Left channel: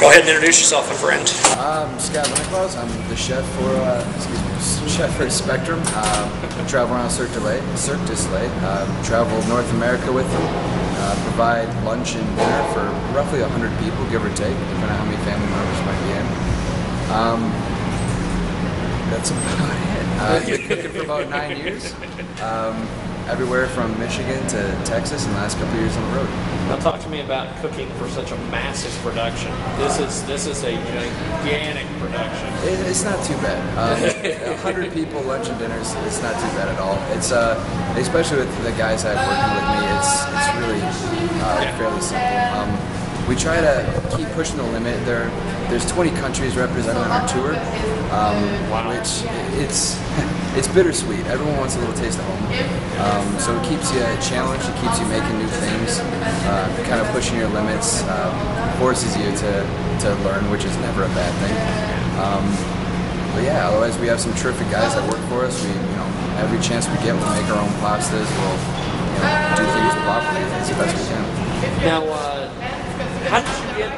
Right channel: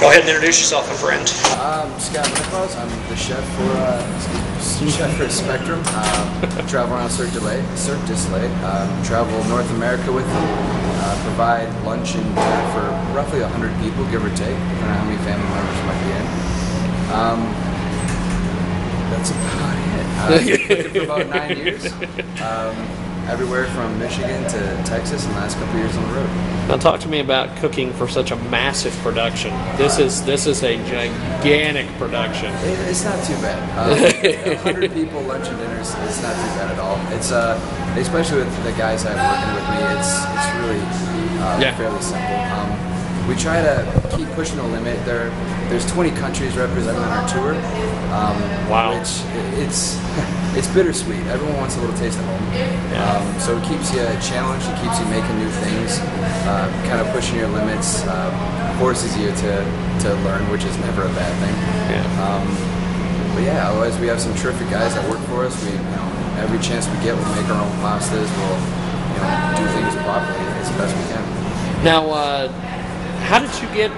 Go ahead and introduce yourself, my friend. I'm Scott Liniclaus. I'm the chef for chef for Spectrum. Travel around Cirque du Soleil. Travel North America with them. Provide lunch and dinner for roughly 100 people, give or take, depending on how many family members might be in. That's about it. I've been cooking for about 9 years. Everywhere from Michigan to Texas, and the last couple of years on the road. Now, talk to me about cooking for such a massive production. This is a gigantic production. It's not too bad. 100 people, lunch and dinners, it's not too bad at all. It's especially with the guys I have working with me, it's really fairly simple. We try to keep pushing the limit. There's 20 countries represented on our tour, which it's bittersweet. Everyone wants a little taste of home, so it keeps you challenged. It keeps you making new things, kind of pushing your limits, forces you to learn, which is never a bad thing. But yeah, otherwise we have some terrific guys that work for us. We, every chance we get, we'll make our own pastas. We'll, do things properly as the best we can. Now, how did you get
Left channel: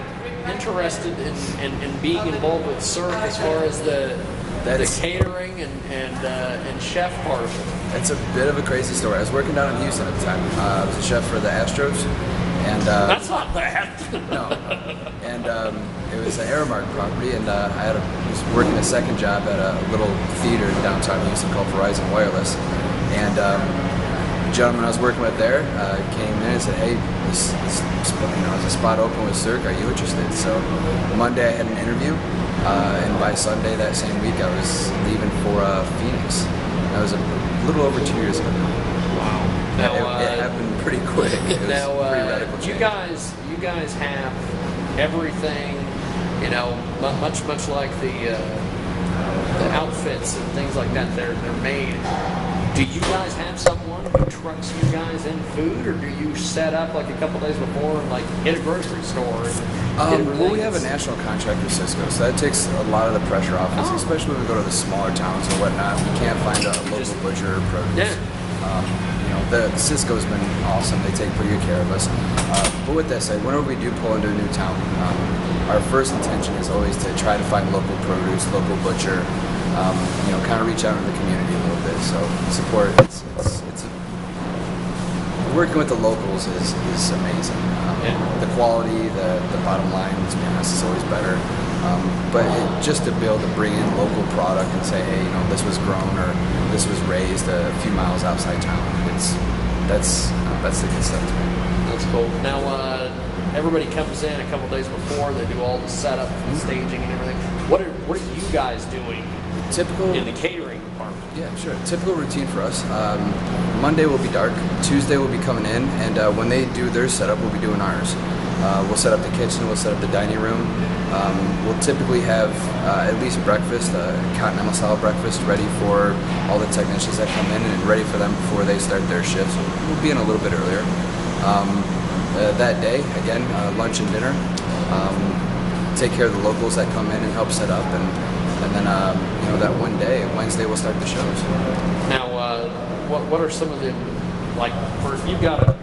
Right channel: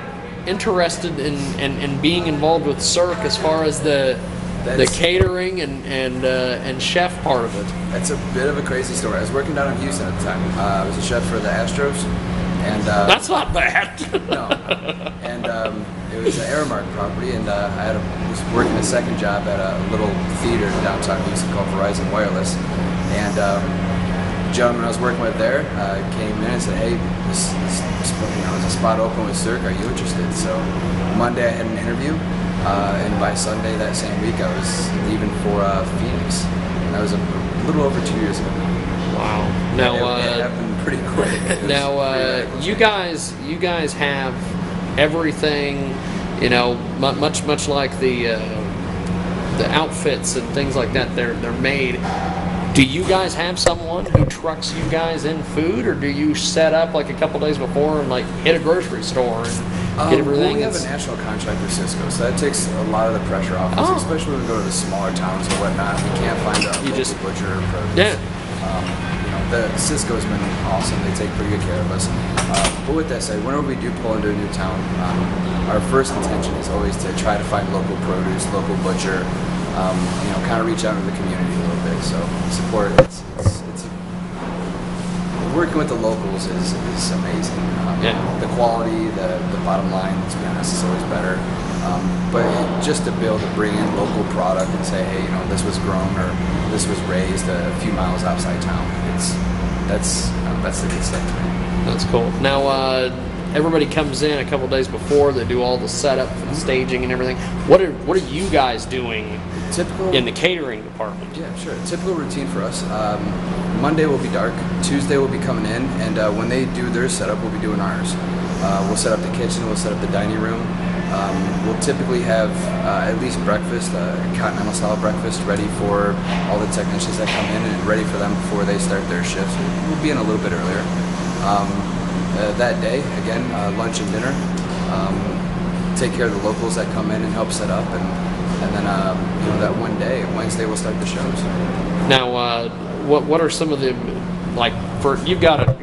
interested in being involved with Cirque as far as the catering and chef part of it? It's a bit of a crazy story. I was working down in Houston at the time. I was a chef for the Astros, and that's not bad. No. And it was an Aramark property, and I was working a second job at a little theater in downtown Houston called Verizon Wireless, and the gentleman I was working with there came in and said, "Hey, there's a spot open with Cirque. Are you interested?" So Monday I had an interview, and by Sunday that same week I was leaving for Phoenix. That was a little over 2 years ago now. Yeah, it happened pretty quick. It was now, pretty radical change. You guys have everything, much like the outfits and things like that. They're made. Do you guys have someone who trucks you guys in food, or do you set up like a couple days before and hit a grocery store? Well, we have a national contract with Cisco, so that takes a lot of the pressure off us, especially when we go to the smaller towns or whatnot. We can't find a local butcher or produce. The Cisco's been awesome. They take pretty good care of us. But with that said, whenever we do pull into a new town, our first intention is always to try to find local produce, local butcher. Kind of reach out to the community a little bit. So support. Working with the locals is amazing. The quality, the bottom line, to be honest, is always better. But just to be able to bring in local product and say, hey, this was grown or this was raised a few miles outside town. That's the good stuff to me. That's cool. Now, everybody comes in a couple days before. They do all the setup, and staging, and everything. What are you guys doing? Typical in the catering department. Yeah, sure. Typical routine for us. Monday will be dark. Tuesday we'll be coming in, and when they do their setup, we'll be doing ours. We'll set up the kitchen. We'll set up the dining room. We'll typically have at least breakfast, a continental style breakfast, ready for all the technicians that come in and ready for them before they start their shifts. We'll be in a little bit earlier. That day, again, lunch and dinner. Take care of the locals that come in and help set up, and then that one day, Wednesday, we'll start the shows. Now, what are some of the you've got a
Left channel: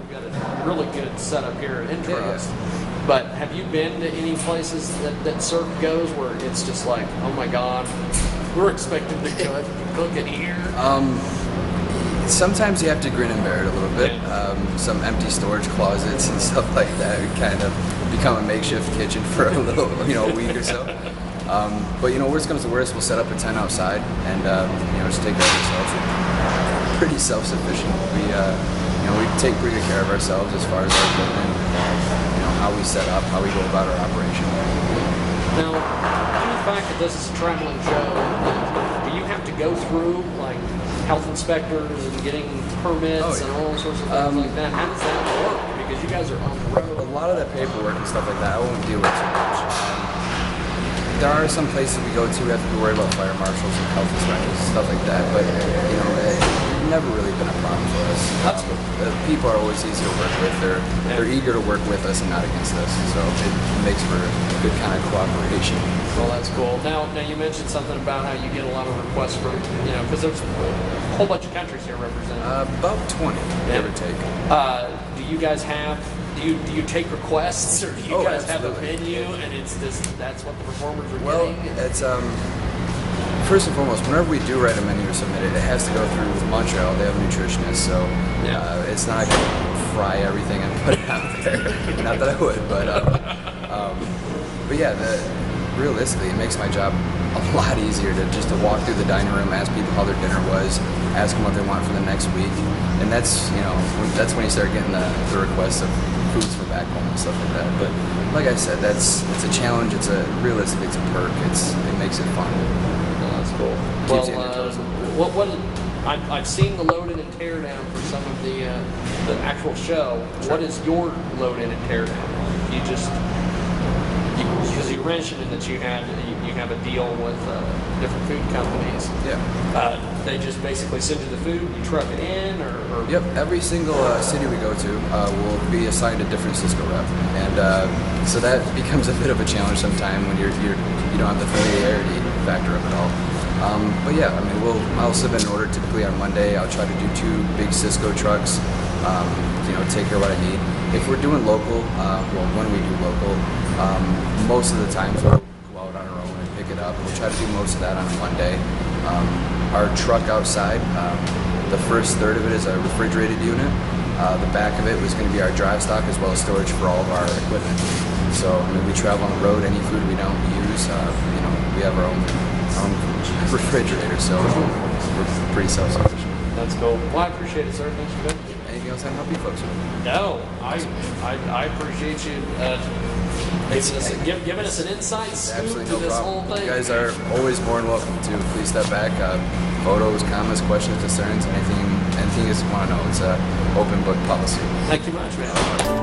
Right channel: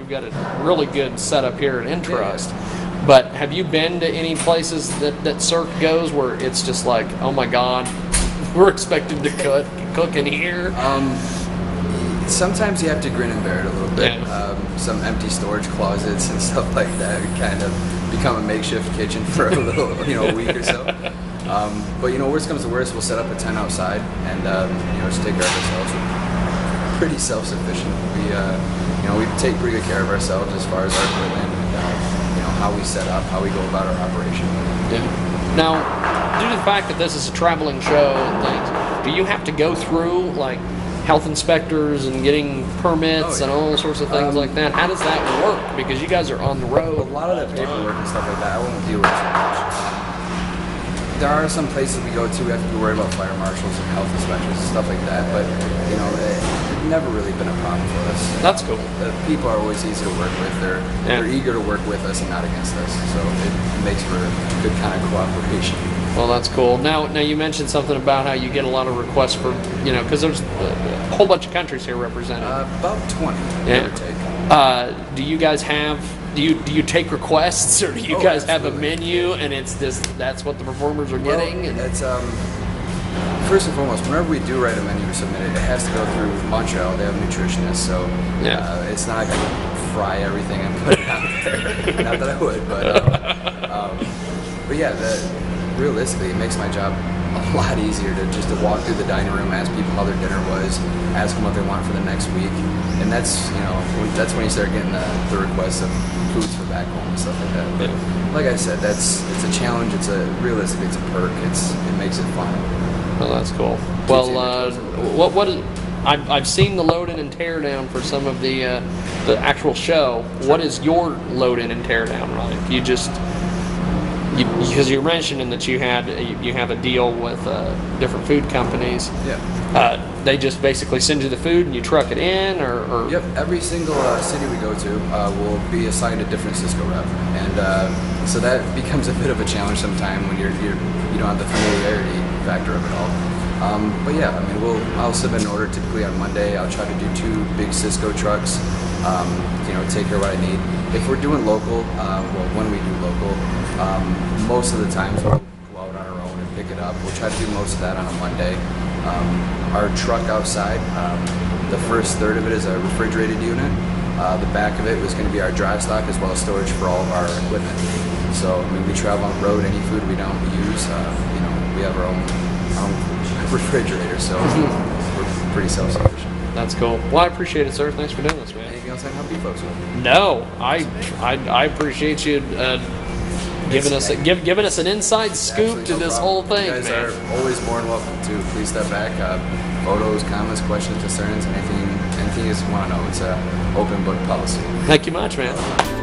really good setup here at Intrust. Yeah. But have you been to any places that Cirque goes where it's just like, oh my God, we're expected to cook in here? Sometimes you have to grin and bear it a little bit. Some empty storage closets and stuff like that kind of become a makeshift kitchen for a little, week or so. But worst comes to worst, we'll set up a tent outside and just take care of ourselves. We're pretty self-sufficient. We take pretty good care of ourselves as far as our equipment and how we set up, how we go about our operation. Now, due to the fact that this is a traveling show, do you have to go through health inspectors and getting permits and all sorts of things like that? How does that work? Because you guys are on the road. A lot of the paperwork and stuff like that, I won't deal with too much. There are some places we go to, we have to be worried about fire marshals and health inspectors and stuff like that, but it's never really been a problem for us. That's good. The people are always easy to work with. They're eager to work with us and not against us, so it makes for a good kind of cooperation. Well, that's cool. Now you mentioned something about how you get a lot of requests for, because there's a whole bunch of countries here represented. About 20, give or take. Do you guys have do you take requests, or do you guys absolutely. have a menu and it's just that's what the performers are Well, getting? it's first and foremost, whenever we do write a menu or submit it, it has to go through Montreal. They have a nutritionist, so it's not like I can fry everything and put it out there. Not that I would, but yeah, realistically, it makes my job a lot easier to walk through the dining room, ask people how their dinner was, ask them what they want for the next week, and that's that's when you start getting the requests of foods for back home and stuff like that. But like I said, it's a challenge. Realistically, it's a perk. It makes it fun. Oh, that's cool. Keeps you on your toes a little bit. I've seen the load in and tear down for some of the actual show. Sure. What is your load in and tear down like? Because you're mentioning that you have a deal with different food companies. Yeah. They just basically send you the food and you truck it in, or Yep. Every single city we go to will be assigned a different Cisco rep, and so that becomes a bit of a challenge sometime when you don't have the familiarity factor of it all. But yeah, I mean, I'll submit an order typically on Monday. I'll try to do 2 big Cisco trucks. Take care of what I need. If we're doing local, when we do local, most of the times we'll go out on our own and pick it up. We'll try to do most of that on a Monday. Our truck outside, the first third of it is a refrigerated unit. The back of it was going to be our dry stock as well as storage for all of our equipment. So, I mean, we travel on the road. Any food we don't use, we have our own refrigerator, so we're pretty self-sufficient. That's cool. Well, I appreciate it, sir. Thanks for doing this, man. Anything else I can help you folks with? No, I appreciate you giving us an inside scoop to this whole thing. You guys are always more than welcome to. Please step back. Photos, comments, questions, concerns, anything you want to know. It's an open book policy. Thank you much, man.